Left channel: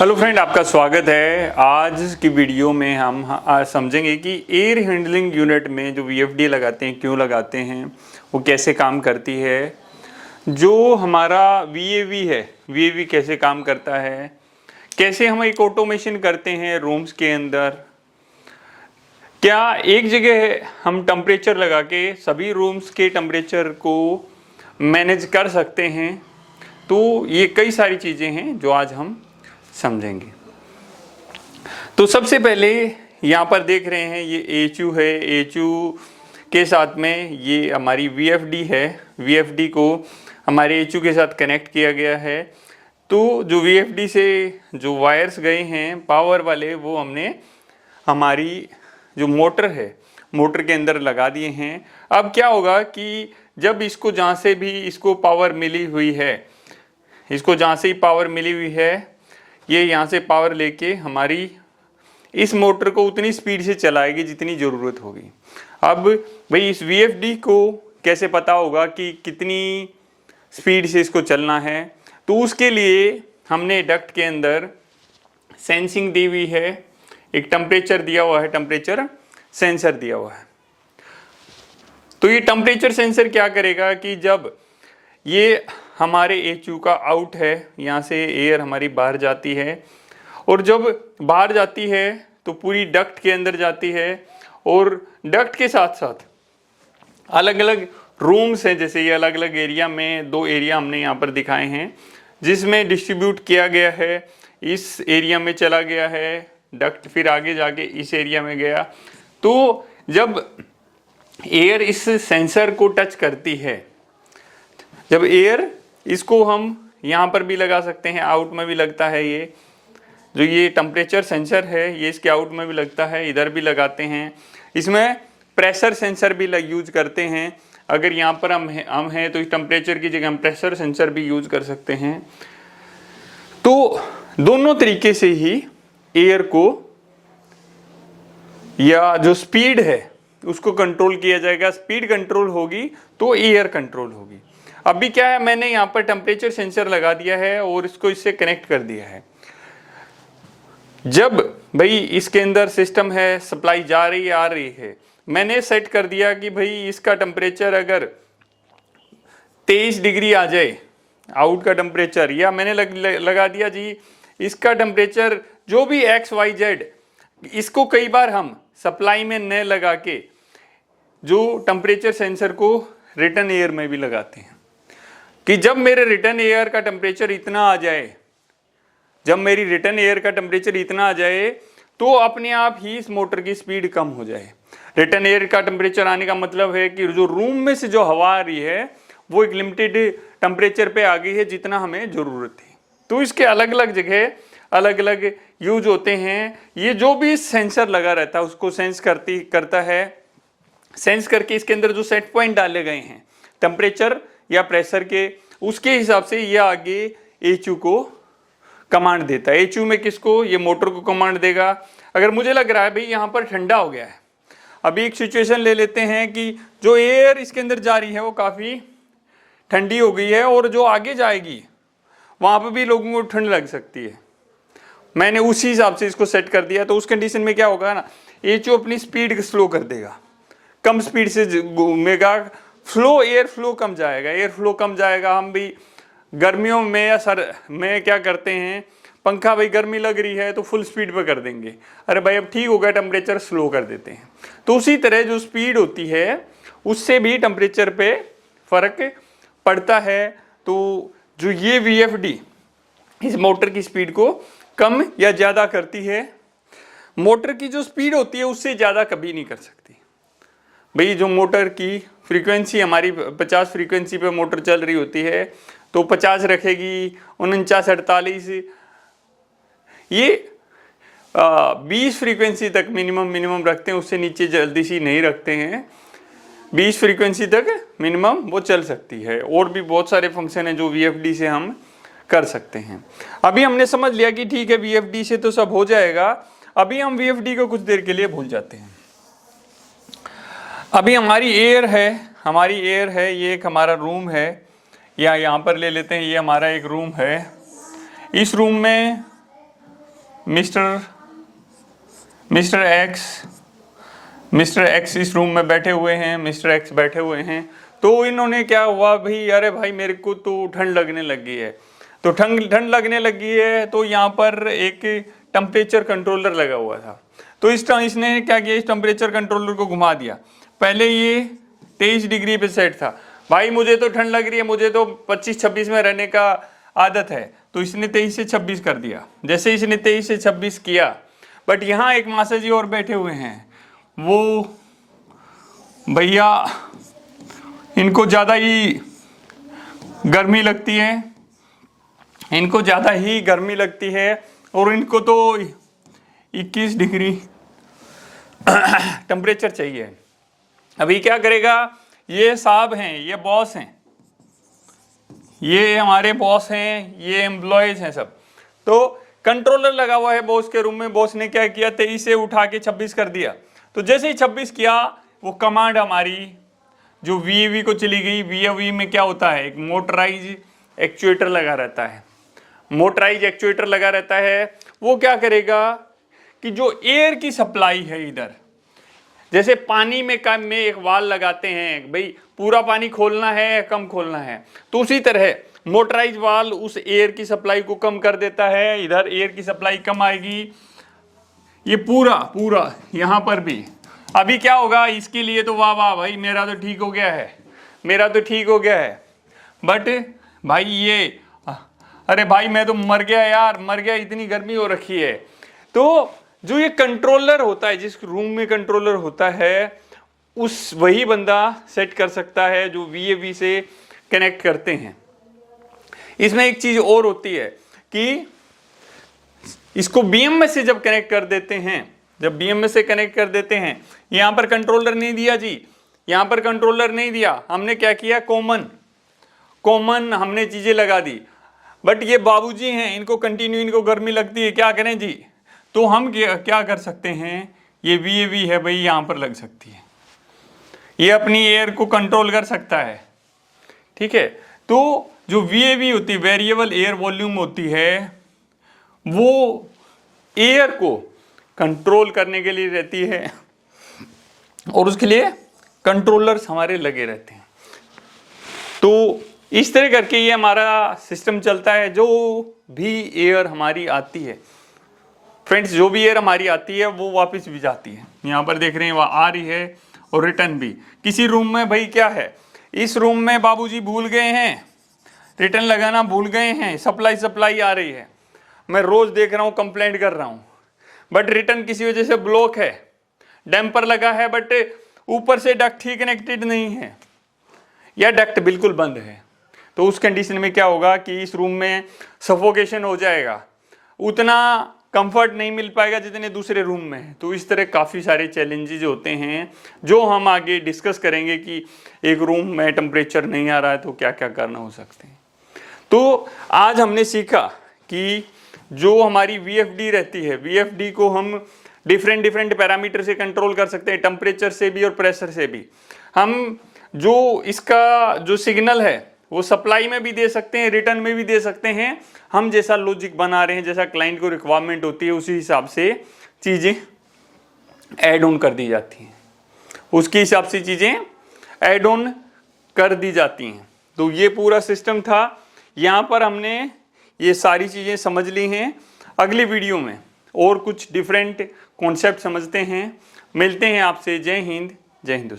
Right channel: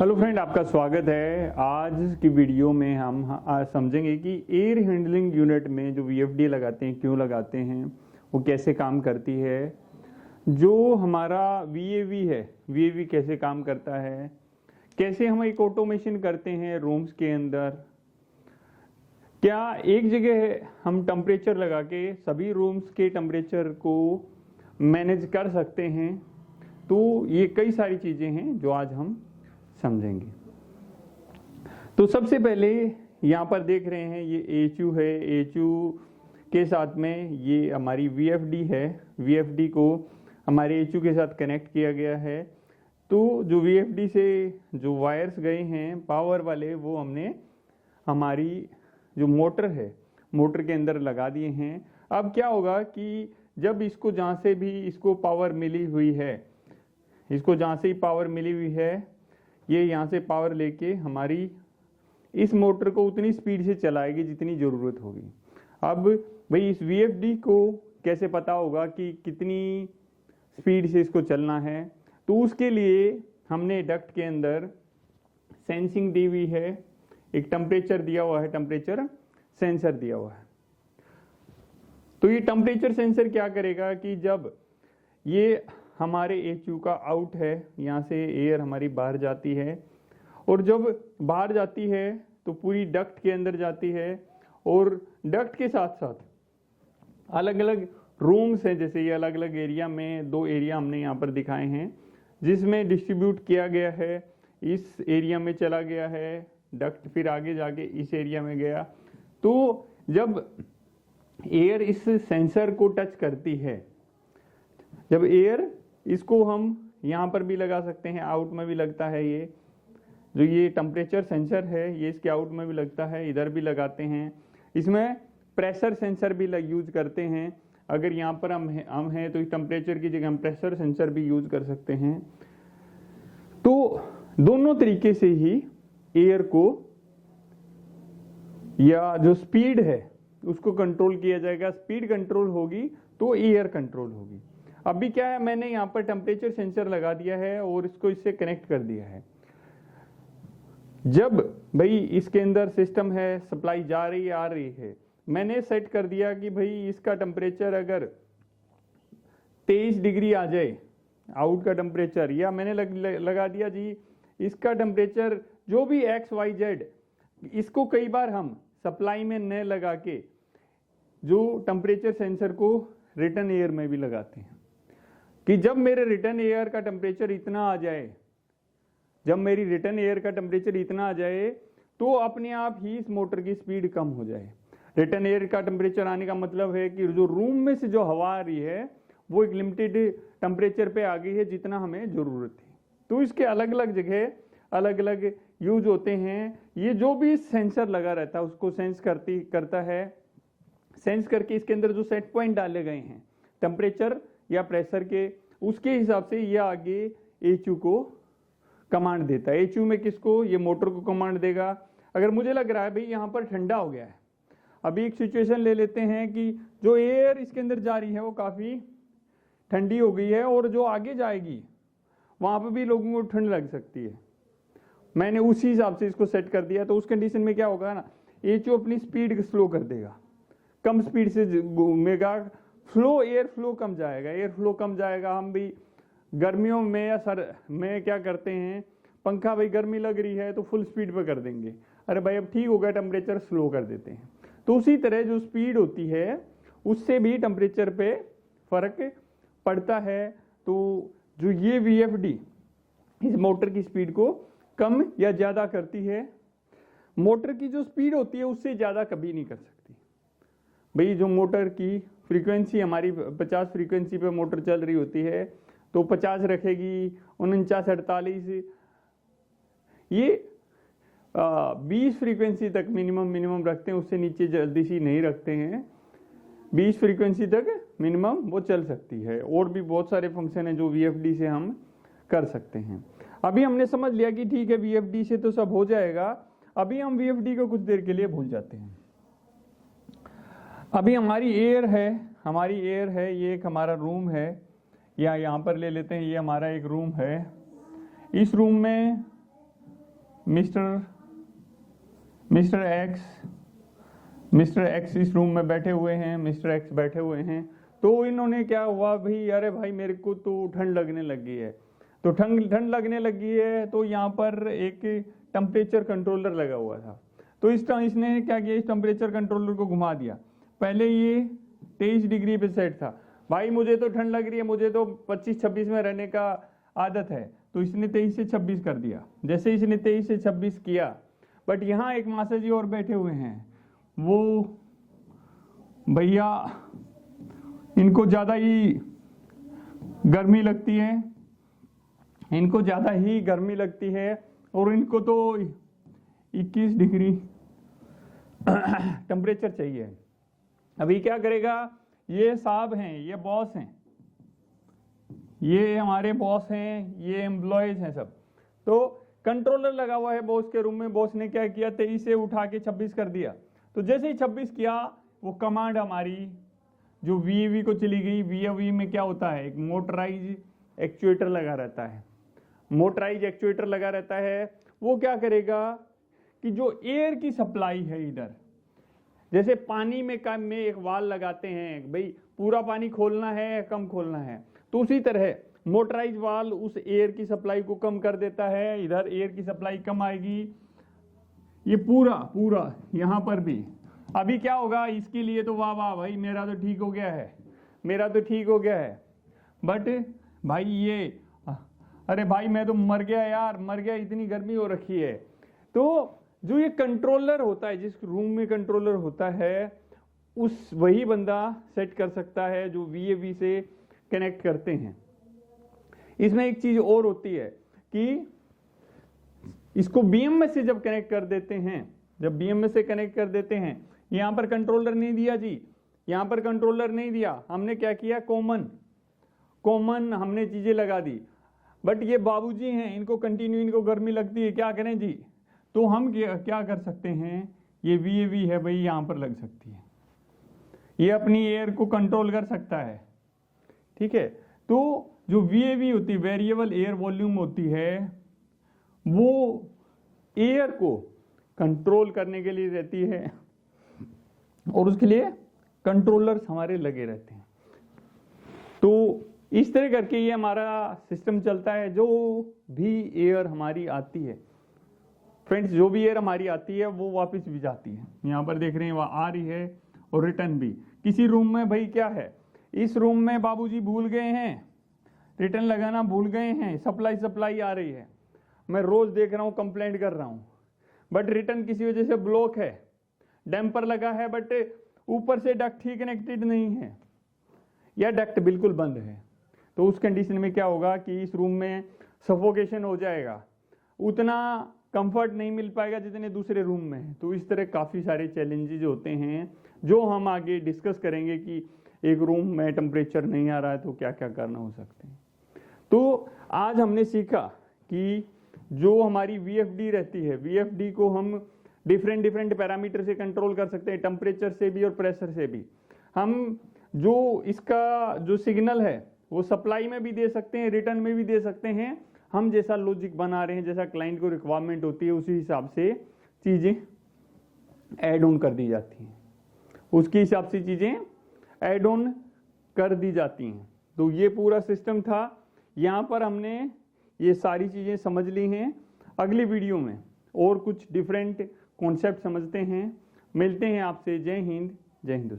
Hello friend, आपका स्वागत है। आज की वीडियो में हम आज समझेंगे कि एयर हैंडलिंग यूनिट में जो वीएफडी लगाते हैं क्यों लगाते हैं, वो कैसे काम करती है, जो हमारा वीएवी है वीएवी कैसे काम करता है, कैसे हम एक ऑटोमेशन करते हैं रूम्स के अंदर, क्या एक जगह हम टेम्परेचर लगा के सभी रूम्स के टेम्परेचर को मैनेज कर सकते हैं। तो ये कई सारी चीज़ें हैं जो आज हम समझेंगे। तो सबसे पहले यहाँ पर देख रहे हैं ये एचयू है। एचयू के साथ में ये हमारी वीएफडी है। वीएफडी को हमारे एचयू के साथ कनेक्ट किया गया है। तो जो वीएफडी से जो वायर्स गए हैं पावर वाले, वो हमने हमारी जो मोटर है मोटर के अंदर लगा दिए हैं। अब क्या होगा कि जब इसको जहाँ से भी इसको पावर मिली हुई है, इसको जहाँ से ही पावर मिली हुई है, ये यहाँ से पावर लेके हमारी इस मोटर को उतनी स्पीड से चलाएगी जितनी ज़रूरत होगी। अब भाई इस वीएफडी को कैसे पता होगा कि कितनी स्पीड से इसको चलना है, तो उसके लिए हमने डक्ट के अंदर सेंसिंग दी हुई है, एक टेम्परेचर दिया हुआ है, टेम्परेचर सेंसर दिया हुआ है। तो ये टेम्परेचर सेंसर क्या करेगा कि जब ये हमारे एचयू का आउट है, यहाँ से एयर हमारी बाहर जाती है, और जब बाहर जाती है तो पूरी डक्ट के अंदर जाती है, और डक्ट के साथ साथ अलग अलग रूम्स हैं। जैसे ये अलग अलग एरिया में, दो एरिया हमने यहाँ पर दिखाए हैं जिसमें डिस्ट्रीब्यूट किया गया है। इस एरिया में चला गया है डक्ट, फिर आगे जाके इस एरिया में गया। तो जब एयर इस सेंसर को टच करती है, जब एयर इसको हम यहाँ पर भी लगा सकते हैं, आउट में भी लगता है, ये जो ये टेम्परेचर सेंसर है ये इसके आउट में भी लगता है, इधर भी लगाते हैं। इसमें प्रेशर सेंसर भी यूज करते हैं। अगर यहाँ पर हम हैं तो इस टेम्परेचर की जगह हम प्रेशर सेंसर भी यूज कर सकते हैं। तो दोनों तरीके से ही एयर को या जो स्पीड है उसको कंट्रोल किया जाएगा। स्पीड कंट्रोल होगी तो एयर कंट्रोल होगी। अभी क्या है, मैंने यहाँ पर टेम्परेचर सेंसर लगा दिया है और इसको इससे कनेक्ट कर दिया है। जब भाई इसके अंदर सिस्टम है, सप्लाई जा रही है आ रही है, मैंने सेट कर दिया कि भाई इसका टेम्परेचर अगर 23 डिग्री आ जाए आउट का टेम्परेचर, या मैंने लगा दिया जी इसका टेम्परेचर जो भी XYZ, इसको कई बार हम सप्लाई में न लगा के जो टेम्परेचर सेंसर को रिटर्न एयर में भी लगाते हैं कि जब मेरे रिटर्न एयर का टेम्परेचर इतना आ जाए, जब मेरी रिटर्न एयर का टेम्परेचर इतना आ जाए तो अपने आप ही इस मोटर की स्पीड कम हो जाए। रिटर्न एयर का टेम्परेचर आने का मतलब है कि जो रूम में से जो हवा आ रही है वो एक लिमिटेड टेम्परेचर पे आ गई है जितना हमें ज़रूरत थी। तो इसके अलग अलग जगह अलग अलग यूज होते हैं। ये जो भी सेंसर लगा रहता है उसको सेंस करता है। सेंस करके इसके अंदर जो सेट पॉइंट डाले गए हैं टेम्परेचर या प्रेशर के, उसके हिसाब से ये आगे एचयू को कमांड देता है। एचयू में किसको? ये मोटर को कमांड देगा। अगर मुझे लग रहा है भाई यहाँ पर ठंडा हो गया है, अभी एक सिचुएशन ले लेते हैं कि जो एयर इसके अंदर जा रही है वो काफ़ी ठंडी हो गई है और जो आगे जाएगी वहाँ पर भी लोगों को ठंड लग सकती है। मैंने उसी हिसाब से इसको सेट कर दिया। तो उस कंडीशन में क्या होगा ना, एचयू अपनी स्पीड स्लो कर देगा, कम स्पीड से घूमेगा, फ्लो एयर फ्लो कम जाएगा, एयर फ्लो कम जाएगा। हम भी गर्मियों में या सर में क्या करते हैं, पंखा भाई गर्मी लग रही है तो फुल स्पीड पे कर देंगे, अरे भाई अब ठीक हो गया टेम्परेचर, स्लो कर देते हैं। तो उसी तरह जो स्पीड होती है उससे भी टेम्परेचर पे फर्क पड़ता है। तो जो ये वीएफडी इस मोटर की स्पीड को कम या ज़्यादा करती है। मोटर की जो स्पीड होती है उससे ज़्यादा कभी नहीं कर सकती। भाई जो मोटर की फ्रीक्वेंसी हमारी 50 फ्रीक्वेंसी पे मोटर चल रही होती है तो 50 रखेगी, 49 48, ये 20 फ्रीक्वेंसी तक मिनिमम रखते हैं, उससे नीचे जल्दी सी नहीं रखते हैं। 20 फ्रीक्वेंसी तक मिनिमम वो चल सकती है। और भी बहुत सारे फंक्शन हैं जो वीएफडी से हम कर सकते हैं। अभी हमने समझ लिया कि ठीक है वीएफडी से तो सब हो जाएगा। अभी हम वीएफडी को कुछ देर के लिए भूल जाते हैं। अभी हमारी एयर है, ये एक हमारा रूम है, या यहाँ पर ले लेते हैं, ये हमारा एक रूम है। इस रूम में मिस्टर एक्स इस रूम में बैठे हुए हैं, मिस्टर एक्स बैठे हुए हैं। तो इन्होंने क्या हुआ भाई, अरे भाई मेरे को तो ठंड लगने लगी है, तो ठंड लगने लगी है, तो यहाँ पर एक टेम्परेचर कंट्रोलर लगा हुआ था। तो इसने क्या किया, इस टेम्परेचर कंट्रोलर को घुमा दिया। पहले ये 23 डिग्री पे सेट था, भाई मुझे तो ठंड लग रही है, मुझे तो 25-26 में रहने का आदत है, तो इसने 23 से 26 कर दिया। जैसे इसने 23 से 26 किया, बट यहाँ एक मासा जी और बैठे हुए हैं, वो भैया इनको ज़्यादा ही गर्मी लगती है, इनको ज़्यादा ही गर्मी लगती है, और इनको तो 21 डिग्री टेम्परेचर चाहिए। अभी क्या करेगा, ये साहब हैं, ये बॉस हैं, ये हमारे बॉस हैं, ये एम्प्लॉयज हैं सब। तो कंट्रोलर लगा हुआ है बॉस के रूम में, बॉस ने क्या किया, 23 से उठा के 26 कर दिया। तो जैसे ही 26 किया, वो कमांड हमारी जो VAV को चली गई। VAV में क्या होता है, एक मोटराइज एक्चुएटर लगा रहता है, मोटराइज एक्चुएटर लगा रहता है। वो क्या करेगा कि जो एयर की सप्लाई है इधर, जैसे पानी में एक वाल लगाते हैं, भाई पूरा पानी खोलना है या कम खोलना है, तो उसी तरह मोटराइज वाल उस एयर की सप्लाई को कम कर देता है। इधर एयर की सप्लाई कम आएगी, ये पूरा यहाँ पर भी। अभी क्या होगा इसके लिए, तो वाह वाह भाई मेरा तो ठीक हो गया है, मेरा तो ठीक हो गया है। बट भाई ये, अरे भाई मैं तो मर गया यार, मर गया, इतनी गर्मी हो रखी है। तो जो ये कंट्रोलर होता है, जिस रूम में कंट्रोलर होता है, उस वही बंदा सेट कर सकता है जो VAV से कनेक्ट करते हैं। इसमें एक चीज और होती है कि इसको BMS से जब कनेक्ट कर देते हैं, जब BMS से कनेक्ट कर देते हैं, यहां पर कंट्रोलर नहीं दिया जी, यहां पर कंट्रोलर नहीं दिया, हमने क्या किया, कॉमन हमने चीजें लगा दी। बट ये बाबूजी हैं, इनको कंटिन्यू, इनको गर्मी लगती है, क्या करें जी, तो हम क्या कर सकते हैं, ये VAV है भाई, यहां पर लग सकती है, ये अपनी एयर को कंट्रोल कर सकता है, ठीक है। तो जो VAV होती है, वेरिएबल एयर वॉल्यूम होती है, वो एयर को कंट्रोल करने के लिए रहती है, और उसके लिए कंट्रोलर्स हमारे लगे रहते हैं। तो इस तरह करके ये हमारा सिस्टम चलता है। जो भी एयर हमारी आती है फ्रेंड्स, जो भी एयर हमारी आती है वो वापस भी जाती है। यहाँ पर देख रहे हैं, वह आ रही है और रिटर्न भी। किसी रूम में भाई क्या है, इस रूम में बाबूजी भूल गए हैं, रिटर्न लगाना भूल गए हैं, सप्लाई आ रही है, मैं रोज देख रहा हूँ, कंप्लेंट कर रहा हूँ, बट रिटर्न किसी वजह से ब्लॉक है, डैम्पर लगा है, बट ऊपर से डक्ट ही कनेक्टेड नहीं है, या डक्ट बिल्कुल बंद है। तो उस कंडीशन में क्या होगा कि इस रूम में सफोकेशन हो जाएगा, उतना कंफर्ट नहीं मिल पाएगा जितने दूसरे रूम में है। तो इस तरह काफ़ी सारे चैलेंजेस होते हैं जो हम आगे डिस्कस करेंगे कि एक रूम में टेम्परेचर नहीं आ रहा है तो क्या क्या करना हो सकते हैं। तो आज हमने सीखा कि जो हमारी VFD रहती है, VFD को हम डिफरेंट पैरामीटर से कंट्रोल कर सकते हैं, टेम्परेचर से भी और प्रेशर से भी। हम जो इसका जो सिग्नल है वो सप्लाई में भी दे सकते हैं, रिटर्न में भी दे सकते हैं। हम जैसा लॉजिक बना रहे हैं, जैसा क्लाइंट को रिक्वायरमेंट होती है, उसी हिसाब से चीज़ें ऐड ऑन कर दी जाती हैं, उसके हिसाब से चीज़ें ऐड ऑन कर दी जाती हैं। तो ये पूरा सिस्टम था। यहाँ पर हमने ये सारी चीज़ें समझ ली हैं। अगली वीडियो में और कुछ डिफरेंट कॉन्सेप्ट समझते हैं। मिलते हैं आपसे। जय हिंद, जय हिंदुस्तान।